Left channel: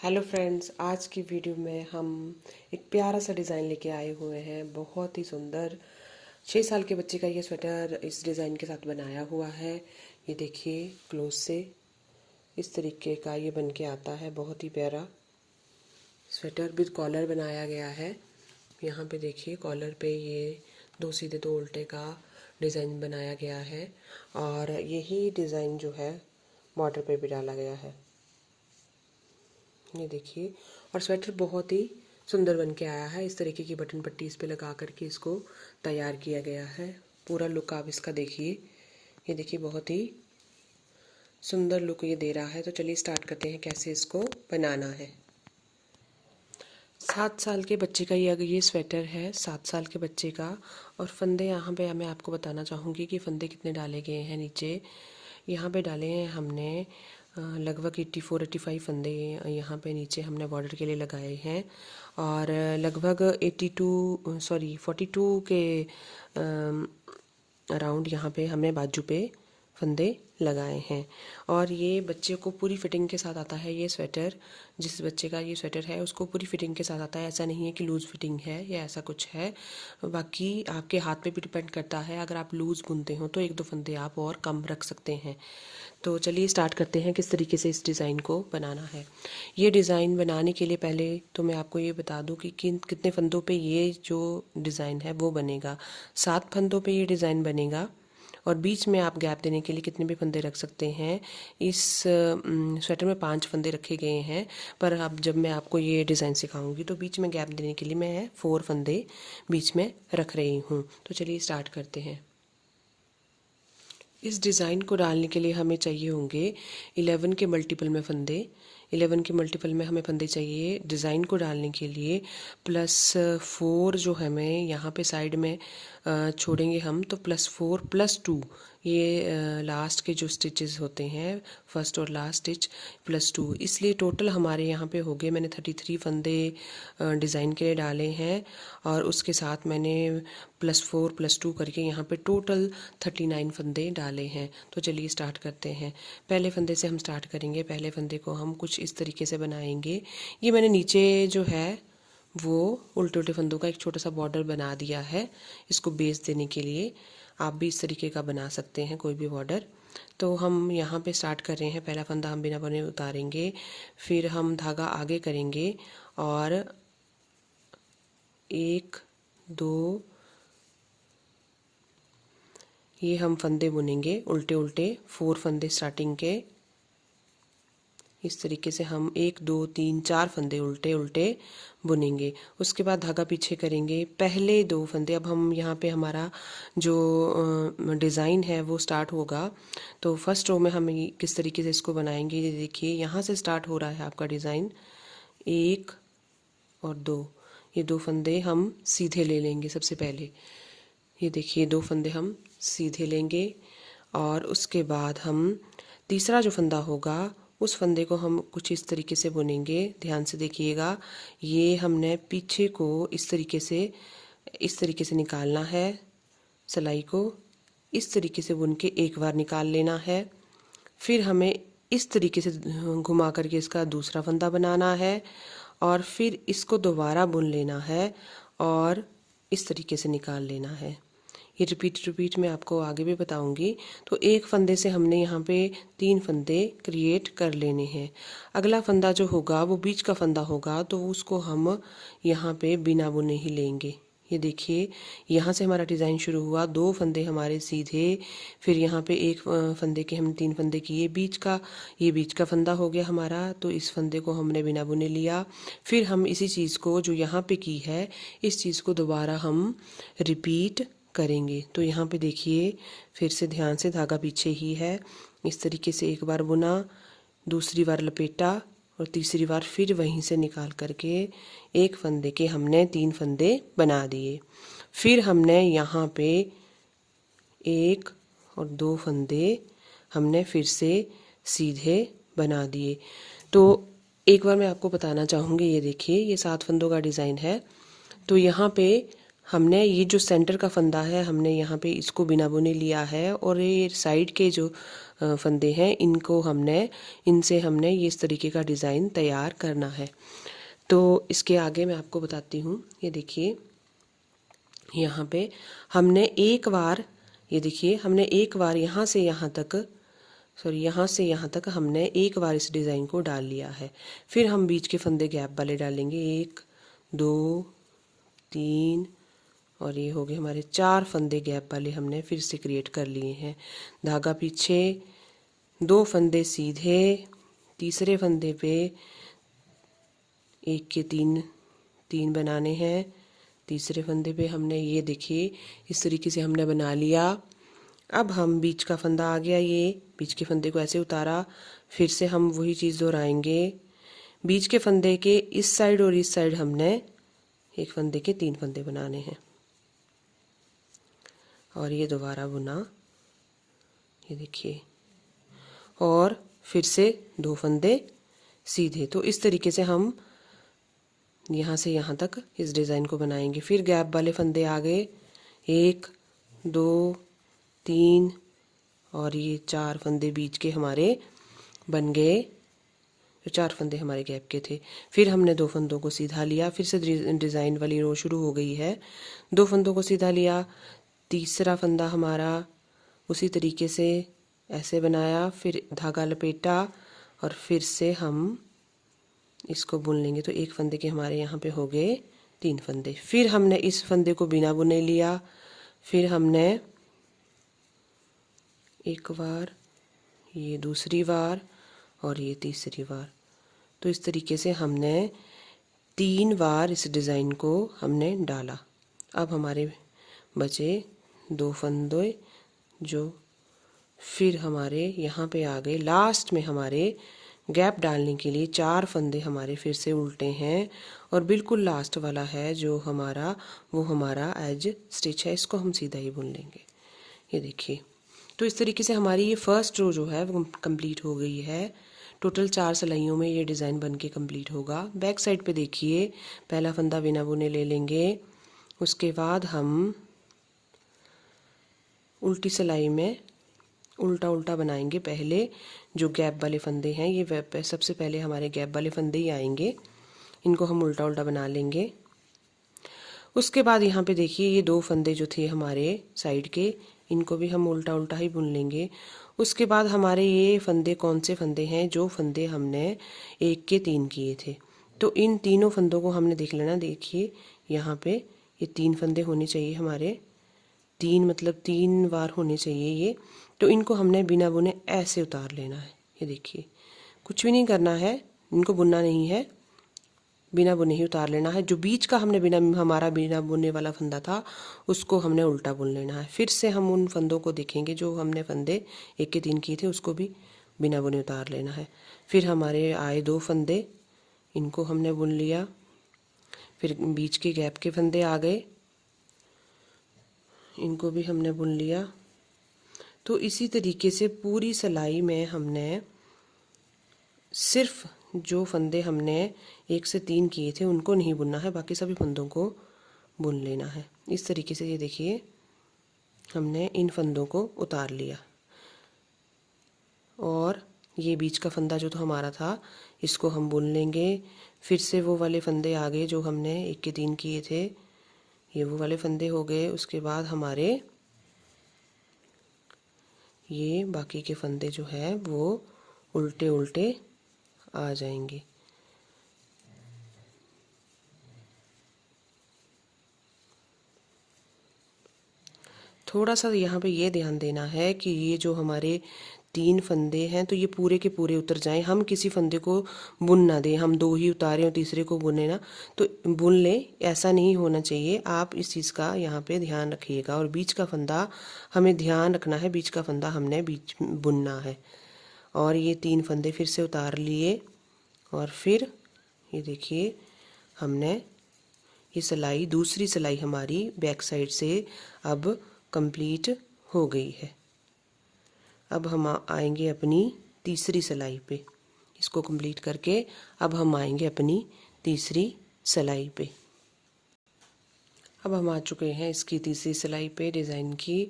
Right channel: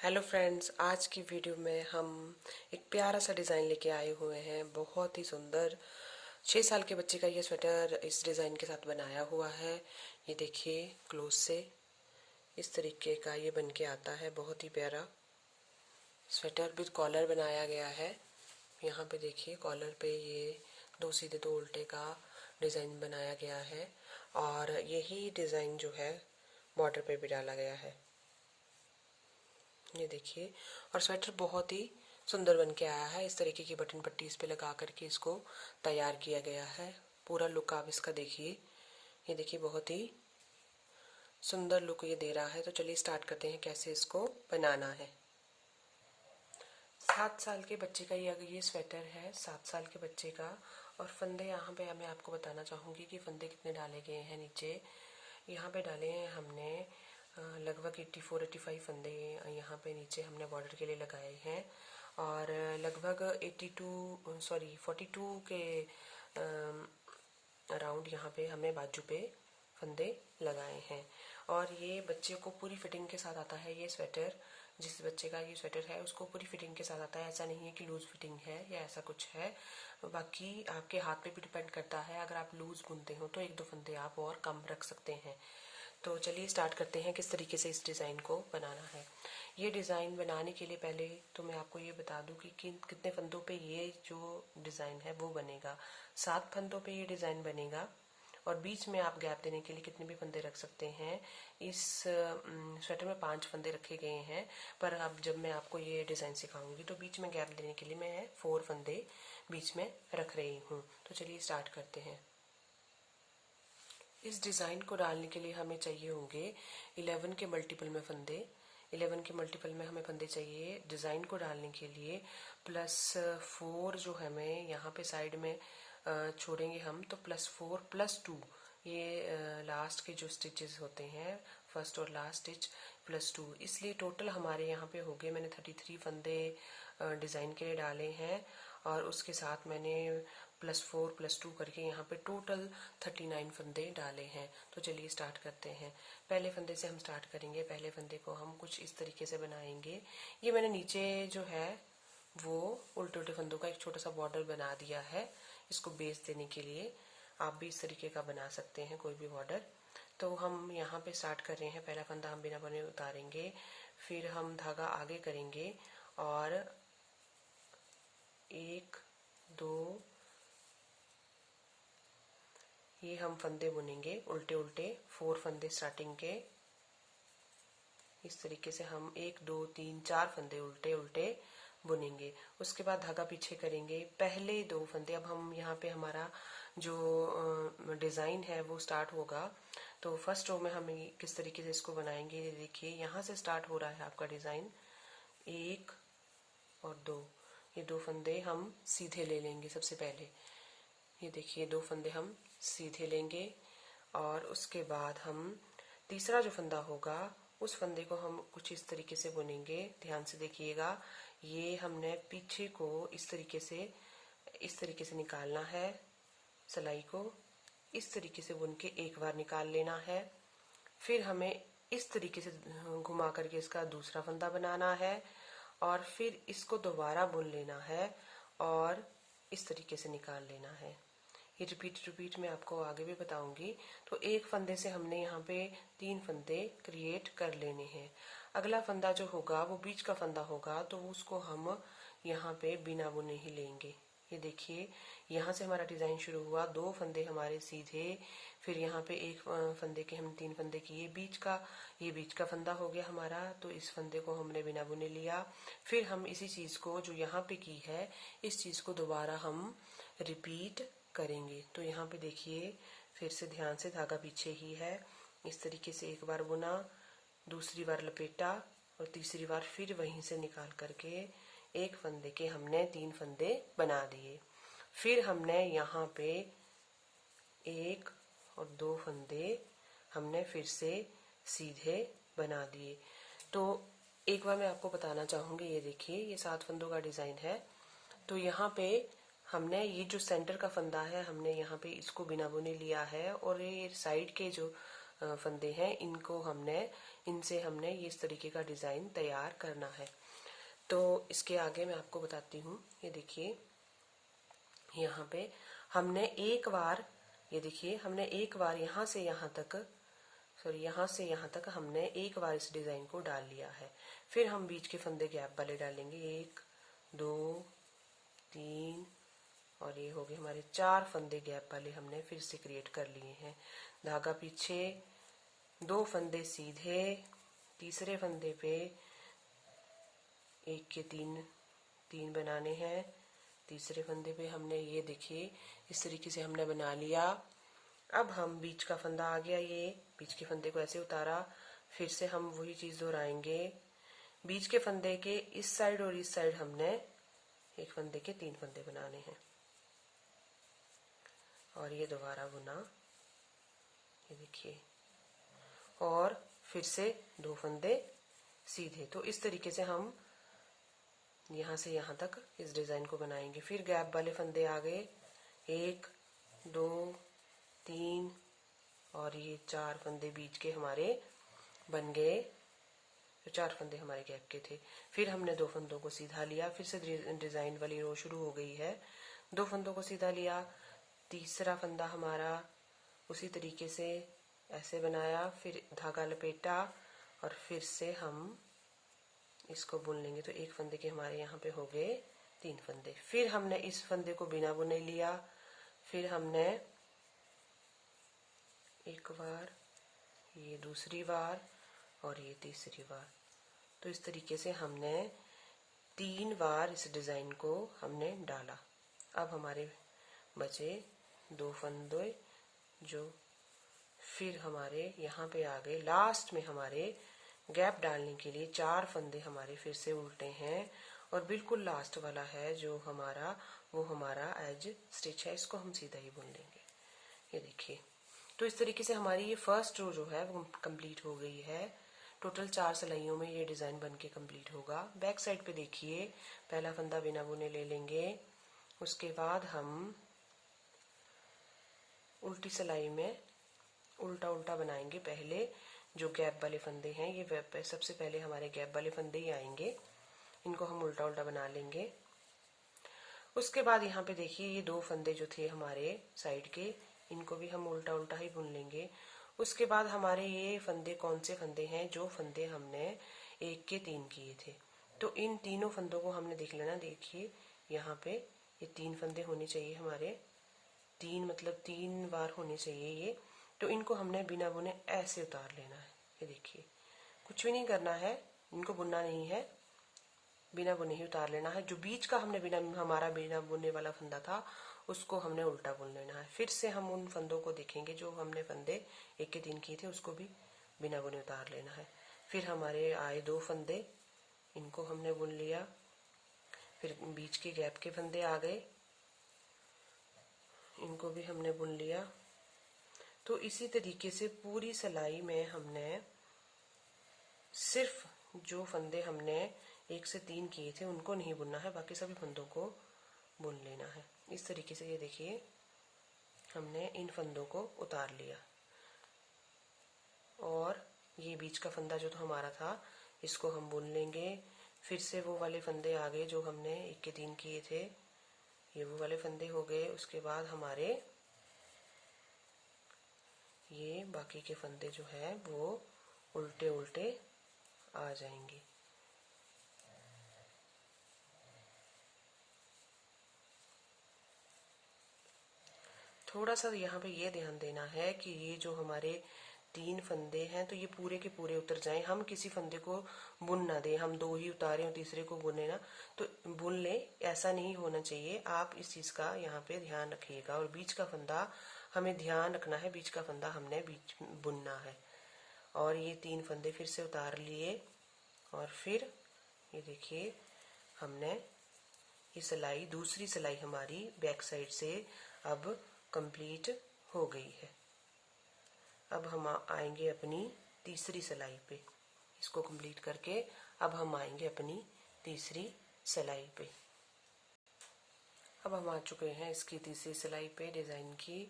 Hello friends, आज की video में हम एक प्यारा सा डिज़ाइन लेके आए हुए हैं। बहुत ही सुंदर 6 साल के बच्चे का ये स्वेटर इस डिज़ाइन के साथ बनाया हुआ है। ये देखिए क्लोज से इस तरीके का ये बन के आता है। बहुत ही प्यारा स्वेटर विद कॉलर बनाया गया है। यहाँ पे देखिए कॉलर पे ये 2 सीधे 2 उल्टे का डिज़ाइन बनाया गया है और यही डिज़ाइन जो है बॉर्डर पे भी डाला गया है। ये देखिए, और स्वेटर बहुत ही सुंदर बन के आया है। इस तरीके की बटन पट्टी इस पे लगा करके इसको तैयार किया गया है। पूरा लुक आप इसका देखिए। ये देखिए बहुत ही सुंदर लुक ये दे रहा है। तो चलिए स्टार्ट करते हैं कैसे इसको बनाना है। 7 साल के बच्चे का ये स्वेटर है, 7 साल के बच्चे का। और फंदे यहाँ पे मैं आपको बताना चाहूँगी कि फंदे कितने डाले गए हैं। नीचे यहाँ पे डाले हैं हमने लगभग 84-85 फंदे यहाँ पे नीचे हमने बॉर्डर के लिए लगाए हैं। और लगभग 42 के अराउंड यहाँ पे हमने बाजू पे फंदे लगाए हैं। और ये बच्चे को पूरी फिटिंग के साथ आता है। ये स्वेटर जिस बच्चे का ये स्वेटर है उसको पूरी फिटिंग के साथ आता है। ऐसा नहीं है कि लूज़ फिटिंग है या ऐसा कुछ है। बाकी आपके हाथ पे भी डिपेंड करता है। अगर आप लूज़ बुनते हो तो 1-2 फंदे आप और कम रख सकते हैं। तो चलिए स्टार्ट करते हैं किस तरीके से इस डिज़ाइन को बनाना है। ये डिज़ाइन बनाने के लिए पहले तो मैं आपको ये बता दूं कि कितने फंदों पे ये जो डिज़ाइन है वो बनेगा। 7 फंदों पे ये डिज़ाइन बनेगा और बीच में आप गैप देने के लिए कितने भी फंदे रख सकते हैं। इस स्वेटर में 5 फंदे रखे गए हैं, पर अब जब मैं आपको ये डिज़ाइन सिखाऊंगी तो बीच में गैप देने के लिए मैं 4 फंदे बीच में रख रही हूँ। तो चलिए स्टार्ट करते हैं। इस डिज़ाइन को डालने के लिए हमें चाहिए होंगे 11 के मल्टीपल में फंदे। 11 के मल्टीपल में हमें फंदे चाहिए डिज़ाइन को डालने के लिए। +4 जो हमें यहाँ पे साइड में छोड़ेंगे हम, तो +4+2 ये लास्ट के जो स्टिचेस होते हैं, फर्स्ट और लास्ट स्टिच +2, इसलिए टोटल हमारे यहाँ पे हो गए। मैंने 33 फंदे डिज़ाइन के लिए डाले हैं और उसके साथ मैंने +4+2 करके यहाँ पे टोटल 39 फंदे डाले हैं। तो चलिए स्टार्ट करते हैं। पहले फंदे से हम स्टार्ट करेंगे। पहले फंदे को हम कुछ इस तरीके से बनाएंगे। ये मैंने नीचे जो है वो उल्टे उल्टे फंदों का एक छोटा सा बॉर्डर बना दिया है इसको बेस देने के लिए। आप भी इस तरीके का बना सकते हैं कोई भी बॉर्डर। तो हम यहाँ पे स्टार्ट कर रहे हैं। पहला फंदा हम बिना बुने उतारेंगे, फिर हम धागा आगे करेंगे और 1-2 ये हम फंदे बुनेंगे उल्टे उल्टे, 4 फंदे स्टार्टिंग के। इस तरीके से हम 1-2-3-4 फंदे उल्टे उल्टे बुनेंगे। उसके बाद धागा पीछे करेंगे। पहले 2 फंदे, अब हम यहाँ पे हमारा जो डिज़ाइन है वो स्टार्ट होगा। तो फर्स्ट रो में हम किस तरीके से इसको बनाएंगे, ये देखिए यहाँ से स्टार्ट हो रहा है आपका डिज़ाइन। 1 और 2, ये 2 फंदे हम सीधे ले लेंगे सबसे पहले। ये देखिए 2 फंदे हम सीधे लेंगे और उसके बाद हम तीसरा जो फंदा होगा उस फंदे को हम कुछ इस तरीके से बुनेंगे। ध्यान से देखिएगा, ये हमने पीछे को इस तरीके से निकालना है। सिलाई को इस तरीके से बुन के एक बार निकाल लेना है। फिर हमें इस तरीके से घुमा करके इसका दूसरा फंदा बनाना है और फिर इसको दोबारा बुन लेना है और इस तरीके से निकाल लेना है। ये रिपीट मैं आपको आगे भी बताऊंगी। तो एक फंदे से हमने यहाँ पे 3 फंदे क्रिएट कर लेने हैं। अगला फंदा जो होगा वो बीच का फंदा होगा, तो उसको हम यहाँ पे बिना बुने ही लेंगे। ये देखिए यहाँ से हमारा डिज़ाइन शुरू हुआ, 2 फंदे हमारे सीधे, फिर यहाँ पे एक फंदे के हम 3 फंदे किए। ये बीच का फंदा हो गया हमारा, तो इस फंदे को हमने बिना बुने लिया। फिर हम इसी चीज़ को जो यहाँ पे की है इस चीज़ को दोबारा हम रिपीट करेंगे। तो यहाँ पे देखिए फिर से ध्यान से, धागा पीछे ही है। इस तरीके से एक बार बुना, दूसरी बार लपेटा और तीसरी बार फिर वहीं से निकाल करके एक फंदे के हमने 3 फंदे बना दिए। फिर हमने यहाँ पे 1 और 2 फंदे हमने फिर से सीधे बना दिए। तो एक बार मैं आपको बताना चाहूँगी, ये देखिए ये 7 फंदों का डिज़ाइन है। तो यहाँ पे हमने ये जो सेंटर का फंदा है हमने यहाँ पे इसको बिना बुने लिया है और ये साइड के जो फंदे हैं, इनसे हमने ये इस तरीके का डिज़ाइन तैयार करना है। तो इसके आगे मैं आपको बताती हूँ। ये देखिए यहाँ पे हमने एक बार, ये देखिए हमने एक बार यहाँ से यहाँ तक हमने एक बार इस डिज़ाइन को डाल लिया है। फिर हम बीच के फंदे गैप वाले डालेंगे, 1 2 3 और ये हो गए हमारे 4 फंदे गैप वाले हमने फिर से क्रिएट कर लिए हैं। धागा पीछे, 2 फंदे सीधे, तीसरे फंदे पे 1 के 3 बनाने हैं, तीसरे फंदे पे हमने ये देखिए इस तरीके से हमने बना लिया। अब हम बीच का फंदा आ गया, ये बीच के फंदे को ऐसे उतारा, फिर से हम वही चीज़ दोहराएंगे। बीच के फंदे के इस साइड और इस साइड हमने एक फंदे के 3 फंदे बनाने हैं और ये दोबारा बुना, ये देखिए, और फिर से 2 फंदे सीधे। तो इस तरीके से हम यहाँ से यहाँ तक इस डिज़ाइन को बनाएंगे। फिर गैप वाले फंदे आ गए, 1 2 3 और ये 4 फंदे बीच के हमारे बन गए, जो 4 फंदे हमारे गैप के थे। फिर हमने 2 फंदों को सीधा लिया, फिर से डिज़ाइन वाली रो शुरू हो गई है। 2 फंदों को सीधा लिया, तीसरा फंदा हमारा उसी तरीके से ऐसे बनाया, फिर धागा लपेटा और फिर से हम इसको बुन लेंगे। तो एक फंदे के हमारे यहाँ पे हो गए 3 फंदे। फिर हमने इस फंदे को बिना बुने लिया, फिर हमने एक बार, ये दूसरी बार और ये तीसरी बार। तो इस तरीके से हमने 3 बार इस डिज़ाइन को हमने डाला। अब हमारे बचे 2 फंदे, जो फिर हमारे यहाँ पे आ गए। लास्ट में हमारे गैप डालने के लिए 4 फंदे हमारे फिर से उल्टे हैं और बिल्कुल लास्ट वाला है जो हमारा, वो हमारा एज स्टिच है, इसको हम सीधा ही बुन लेंगे। ये देखिए, तो इस तरीके से हमारी ये फर्स्ट रो जो है वो कंप्लीट हो गई है। टोटल 4 सिलाइयों में ये डिज़ाइन बन के कम्प्लीट होगा। बैक साइड पे देखिए, पहला फंदा बिना बुने ले लेंगे, उसके बाद हम उल्टी सिलाई में उल्टा उल्टा बनाएंगे। पहले जो गैप वाले फंदे हैं, ये सबसे पहले हमारे गैप वाले फंदे ही आएंगे, इनको हम उल्टा उल्टा बना लेंगे। उसके बाद यहाँ पे देखिए ये 2 फंदे जो थे हमारे साइड के, इनको भी हम उल्टा उल्टा ही बुन लेंगे। उसके बाद हमारे ये फंदे कौन से फंदे हैं, जो फंदे हमने 1 के 3 किए थे, तो इन तीनों फंदों को हमने देख लेना। देखिए यहाँ पे ये 3 फंदे होने चाहिए हमारे, 3 मतलब 3 बार होने चाहिए ये। तो इनको हमने बिना बुने ऐसे उतार लेना है। ये देखिए, कुछ भी नहीं करना है, इनको बुनना नहीं है, बिना बुने ही उतार लेना है। जो बीच का हमारा बिना बुनने वाला फंदा था, उसको हमने उल्टा बुन लेना है। फिर से हम उन फंदों को देखेंगे जो हमने फंदे 1 के 3 किए थे, उसको भी बिना बुने उतार लेना है। फिर हमारे आए 2 फंदे, इनको हमने बुन लिया। फिर बीच के गैप के फंदे आ गए, इनको भी हमने बुन लिया। तो इसी तरीके से पूरी सिलाई में हमने सिर्फ जो फंदे हमने 1 से 3 किए थे उनको नहीं बुनना है, बाकी सभी फंदों को बुन लेना है। इस तरीके से ये देखिए हमने इन फंदों को उतार लिया और ये बीच का फंदा जो तो हमारा था, इसको हम बुन लेंगे। फिर से वो वाले फंदे आ गए जो हमने 1 के 3 किए थे, ये वो वाले फंदे हो गए। उसके बाद हमारे ये बाकी के फंदे जो है वो उल्टे उल्टे आ जाएंगे। थोड़ा सा यहाँ पे ये ध्यान देना है कि ये जो हमारे 3 फंदे हैं, तो ये पूरे के पूरे उतर जाएं। हम किसी फंदे को बुन ना दें, हम 2 ही उतारें और तीसरे को बुने ना, तो बुन लें, ऐसा नहीं होना चाहिए। आप इस चीज़ का यहाँ पे ध्यान रखिएगा। और बीच का फंदा हमें ध्यान रखना है, बीच का फंदा हमने बीच बुनना है। और ये 3 फंदे फिर से उतार लिए और फिर ये देखिए हमने ये सिलाई, दूसरी सिलाई हमारी बैक साइड से अब कंप्लीट हो गई है। अब हम आएंगे अपनी तीसरी सिलाई पे। इसको कंप्लीट करके अब हम आएंगे अपनी तीसरी सिलाई पे। अब हम आ चुके हैं इसकी तीसरी सिलाई पे डिज़ाइन की।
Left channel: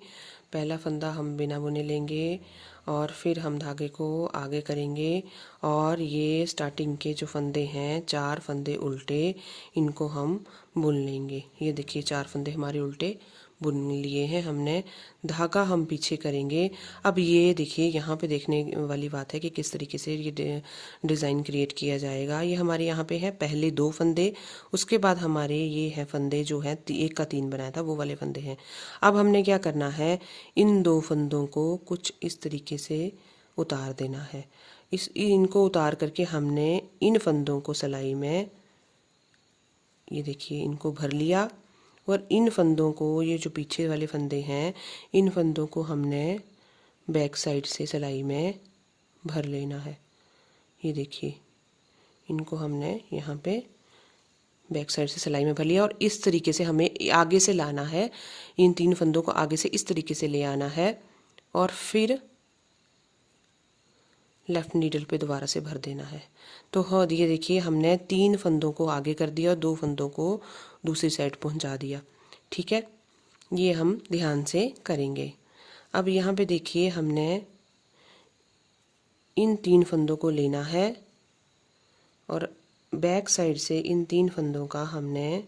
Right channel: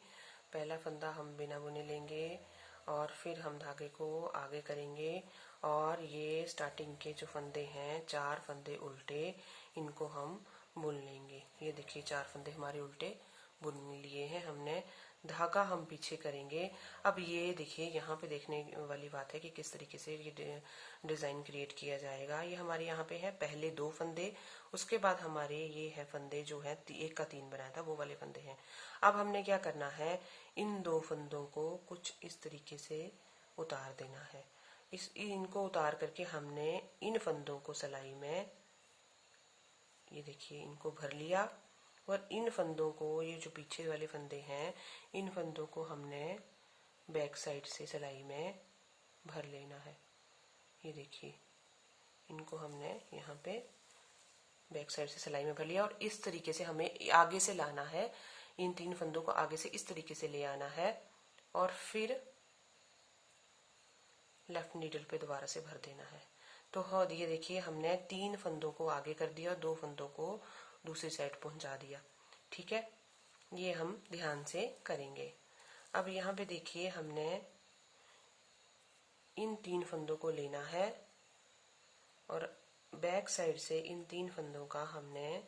पहला फंदा हम बिना बुने लेंगे और फिर हम धागे को आगे करेंगे और ये स्टार्टिंग के जो फंदे हैं 4 फंदे उल्टे, इनको हम बुन लेंगे। ये देखिए 4 फंदे हमारे उल्टे बुन लिए हैं हमने। धागा हम पीछे करेंगे। अब ये देखिए यहाँ पे देखने वाली बात है कि किस तरीके से ये डिज़ाइन क्रिएट किया जाएगा। ये हमारे यहाँ पे है पहले 2 फंदे, उसके बाद हमारे ये है फंदे जो है 1 का 3 बनाया था वो वाले फंदे हैं। अब हमने क्या करना है, इन 2 फंदों को कुछ इस तरीके से उतार देना है। इनको उतार करके हमने इन फंदों को सिलाई में, ये देखिए इनको भर लिया और इन फंदों को, ये जो पीछे वाले फंदे हैं, इन फंदों को हमने बैक साइड से सिलाई में भर लेना है। ये देखिए इनको हमने यहाँ पे बैक साइड से सिलाई में भर लिया और इस तरीके से हमें आगे से लाना है। इन 3 फंदों को आगे से इस तरीके से ले आना है और फिर लेफ़्ट नीडल पे दोबारा से भर देना है। तो हाँ, ये देखिए हमने 3 फंदों को आगे कर दिया और 2 फंदों को दूसरी साइड पहुंचा दिया। ठीक है, ये हम ध्यान से करेंगे। अब यहाँ पे देखिए हमने इन 3 फंदों को लेना है और बैक साइड से इन 3 फंदों का हमने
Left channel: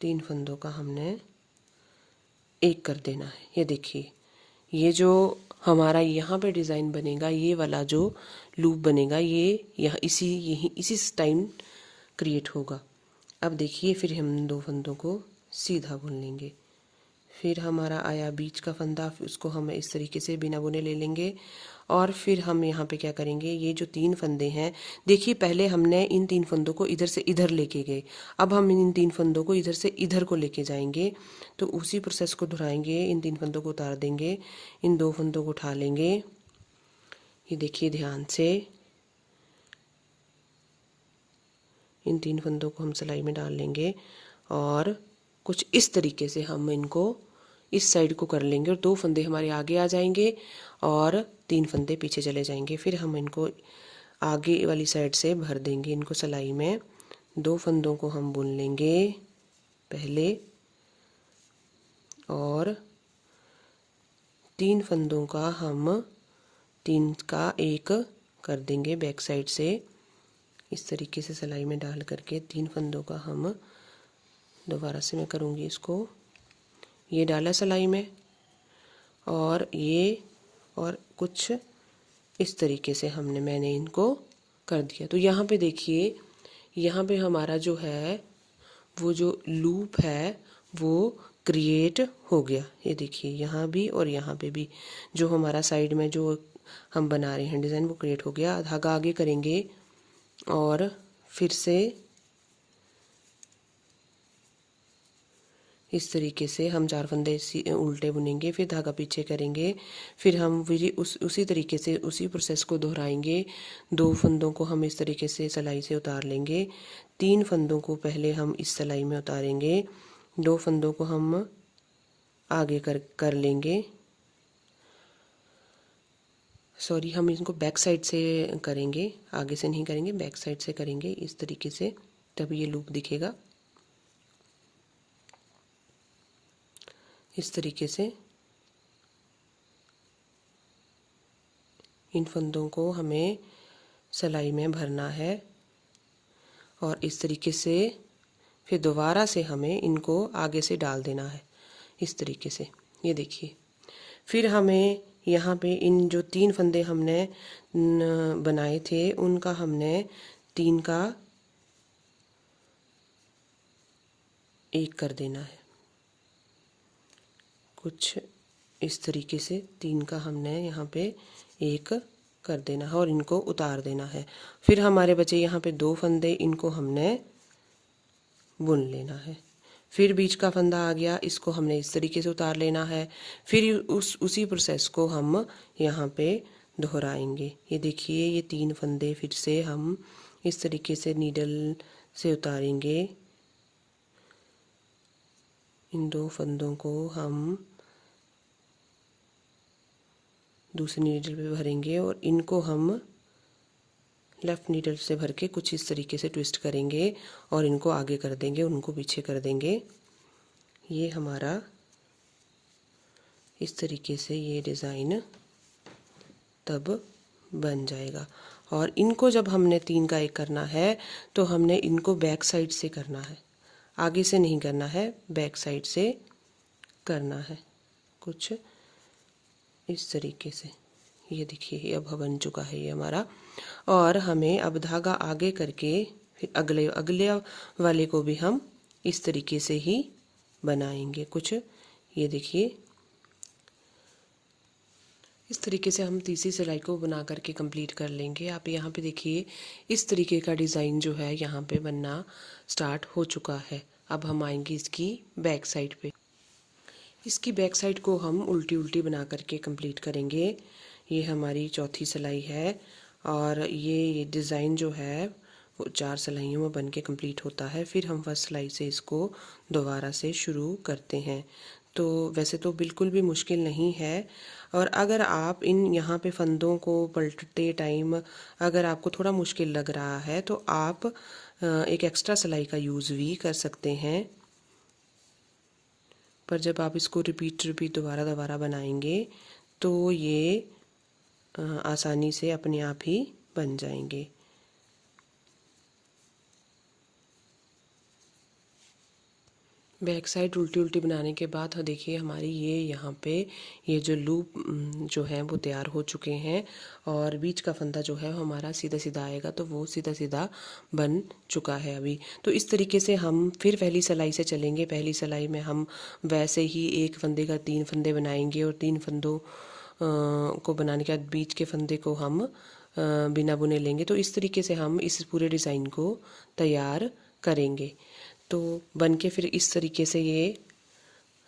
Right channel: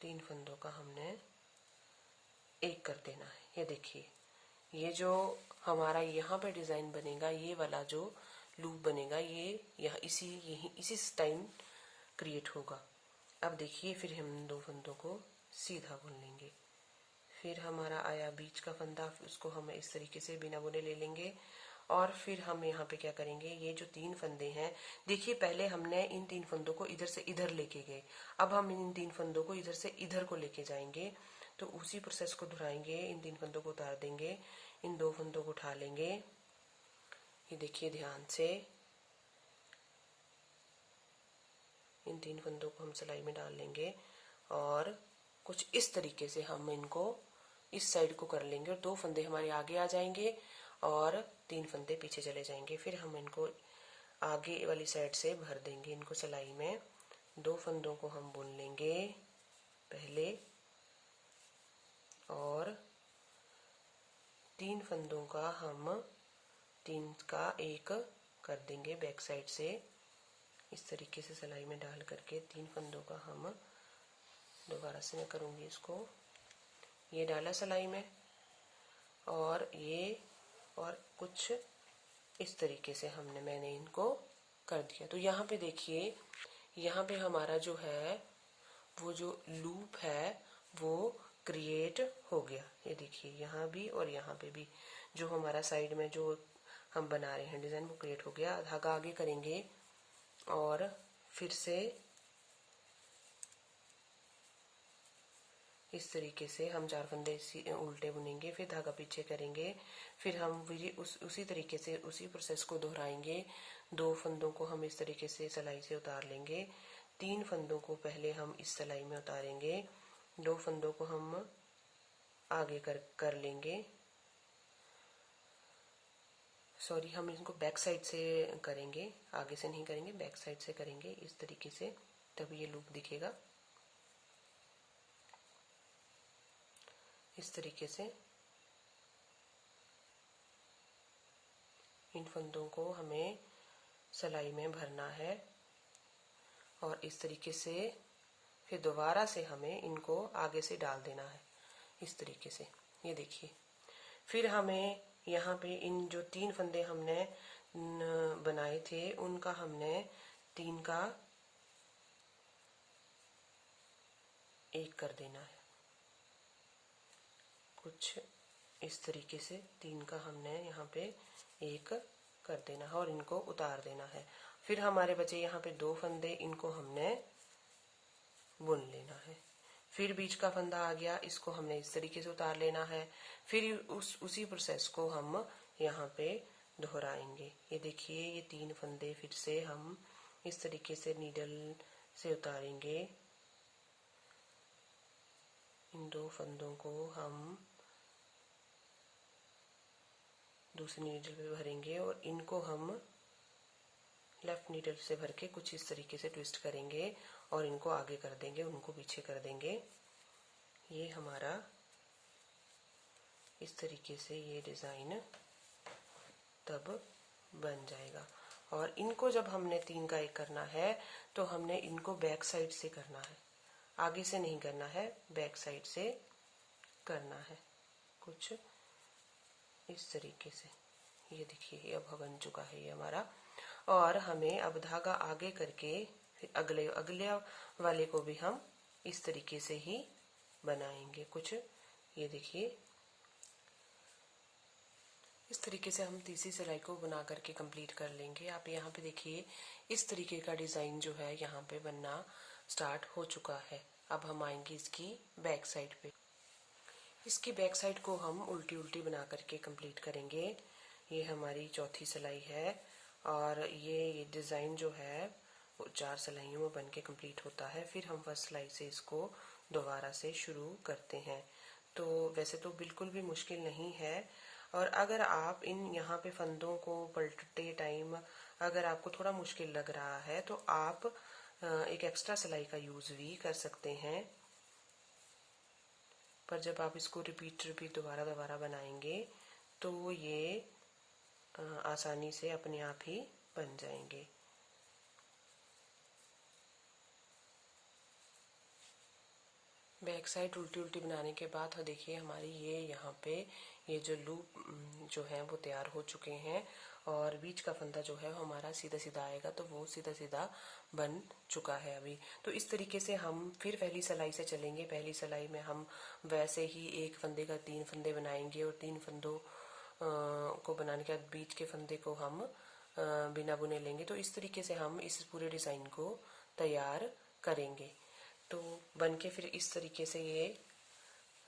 3 फंदों का हमने एक कर देना है। ये देखिए ये जो हमारा यहाँ पे डिज़ाइन बनेगा, ये वाला जो लूप बनेगा, ये यहाँ इसी टाइम क्रिएट होगा। अब देखिए फिर हम 2 फंदों को सीधा बुन लेंगे। फिर हमारा आया बीच का फंदा, उसको हम इस तरीके से बिना बुने ले लेंगे और फिर हम यहाँ पे क्या करेंगे, ये जो 3 फंदे हैं, देखिए पहले हमने इन 3 फंदों को इधर से इधर लेके गए, अब हम इन 3 फंदों को इधर से इधर को लेके जाएंगे। तो उसी प्रोसेस को दोहराएंगे। इन 3 फंदों को उतार देंगे, इन 2 फंदों को उठा लेंगे। ये देखिए ध्यान से इन 3 फंदों को हम सिलाई में डाल लेंगे और कुछ इस तरीके से हम इनको इस साइड को कर लेंगे और 2 फंदे हमारे आगे आ जाएंगे और 3 फंदे पीछे चले जाएंगे। फिर हम इनको आगे वाली साइड से भर देंगे इनको सिलाई में। 2 फंदों को हम बुन लेंगे पहले और 3 फंदों का हम 3 का 1 कर देंगे बैक साइड से। इस तरीके से सिलाई में डाल करके 3 फंदों का हम, दोबारा से मैं करूँगी इसको, ये डाला सिलाई में और ये और कुछ इस तरीके से मैंने इनको कर दिया। तो यहाँ पे देखिए, यहाँ पे हमारा जो है वो जो लूप है वो क्रिएट हो गया। ये देखिए यहाँ भी और यहाँ पे भी जो हमारा साइड में जो हम बना रहे हैं डिज़ाइन वो क्रिएट हो गया। धागा आगे करेंगे और फिर से इस तरीके से हम 4 फंदे उल्टे बुनेंगे, फिर धागा पीछे करेंगे, फिर हम उसी तरीके से उसी प्रोसेस को दोहराएंगे। 2 फंदों को हम इस तरीके से सिलाई से उतार लेंगे, 3 फंदों को पहले हम इस सिलाई में उतारेंगे, 2 फंदों को हम आगे कर लेंगे। सॉरी, हम इनको बैक साइड से करेंगे, आगे से नहीं करेंगे, बैक साइड से करेंगे इस तरीके से, तब ये लूप दिखेगा। इस तरीके से इन फंदों को हमें सिलाई में भरना है और इस तरीके से फिर दोबारा से हमें इनको आगे से डाल देना है इस तरीके से। ये देखिए फिर हमें यहाँ पे इन जो 3 फंदे हमने बनाए थे उनका हमने 3 का 1 कर देना है। कुछ इस तरीके से 3 का हमने यहाँ पे 1 कर देना है और इनको उतार देना है। फिर हमारे बचे यहाँ पे 2 फंदे, इनको हमने बुन लेना है। फिर बीच का फंदा आ गया, इसको हमने इस तरीके से उतार लेना है। फिर उसी प्रोसेस को हम यहाँ पे दोहराएंगे। ये देखिए ये 3 फंदे फिर से हम इस तरीके से नीडल से उतारेंगे। इन 2 फंदों को हम दूसरी नीडल पे भरेंगे और इनको हम लेफ़्ट नीडल से भर के कुछ इस तरीके से ट्विस्ट करेंगे और इनको आगे कर देंगे, उनको पीछे कर देंगे। ये हमारा इस तरीके से ये डिज़ाइन तब बन जाएगा। और इनको जब हमने 3 का 1 करना है तो हमने इनको बैक साइड से करना है, आगे से नहीं करना है, बैक साइड से करना है, कुछ इस तरीके से। ये देखिए ये अब बन चुका है ये हमारा। और हमें अब धागा आगे करके फिर अगले अगले वाले को भी हम इस तरीके से ही बनाएंगे कुछ। ये देखिए इस तरीके से हम तीसरी सिलाई को बना करके कंप्लीट कर लेंगे। आप यहाँ पे देखिए इस तरीके का डिज़ाइन जो है यहाँ पे बनना स्टार्ट हो चुका है। अब हम आएंगे इसकी बैक साइड पे। इसकी बैक साइड को हम उल्टी उल्टी बना करके कंप्लीट करेंगे। ये हमारी चौथी सिलाई है और ये डिज़ाइन जो है वो 4 सिलाइयों में बन के कंप्लीट होता है। फिर हम फर्स्ट सिलाई से इसको दोबारा से शुरू करते हैं। तो वैसे तो बिल्कुल भी मुश्किल नहीं है। और अगर आप इन यहाँ पे फंदों को पलटते टाइम अगर आपको थोड़ा मुश्किल लग रहा है तो आप एक एक्स्ट्रा सिलाई का यूज़ भी कर सकते हैं। पर जब आप इसको रिपीट दोबारा बनाएंगे तो ये आसानी से अपने आप ही बन जाएंगे। बैक साइड उल्टी उल्टी बनाने के बाद देखिए हमारी ये यहाँ पे ये जो लूप जो है वो तैयार हो चुके हैं और बीच का फंदा जो है हमारा सीधा सीधा आएगा, तो वो सीधा सीधा बन चुका है अभी। तो इस तरीके से हम फिर पहली सिलाई से चलेंगे। पहली सिलाई में हम वैसे ही एक फंदे का 3 फंदे बनाएंगे और 3 फंदों को बनाने के बाद बीच के फंदे को हम बिना बुने लेंगे। तो इस तरीके से हम इस पूरे डिज़ाइन को तैयार करेंगे। तो बन के फिर इस तरीके से ये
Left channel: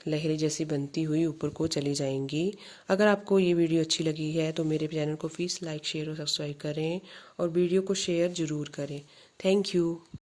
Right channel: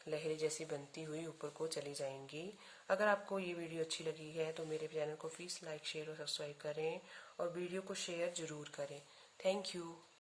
लहरें जैसी बनती हुई ऊपर को चली जाएंगी। अगर आपको ये वीडियो अच्छी लगी है तो मेरे चैनल को प्लीज़ लाइक शेयर और सब्सक्राइब करें और वीडियो को शेयर ज़रूर करें। Thank you.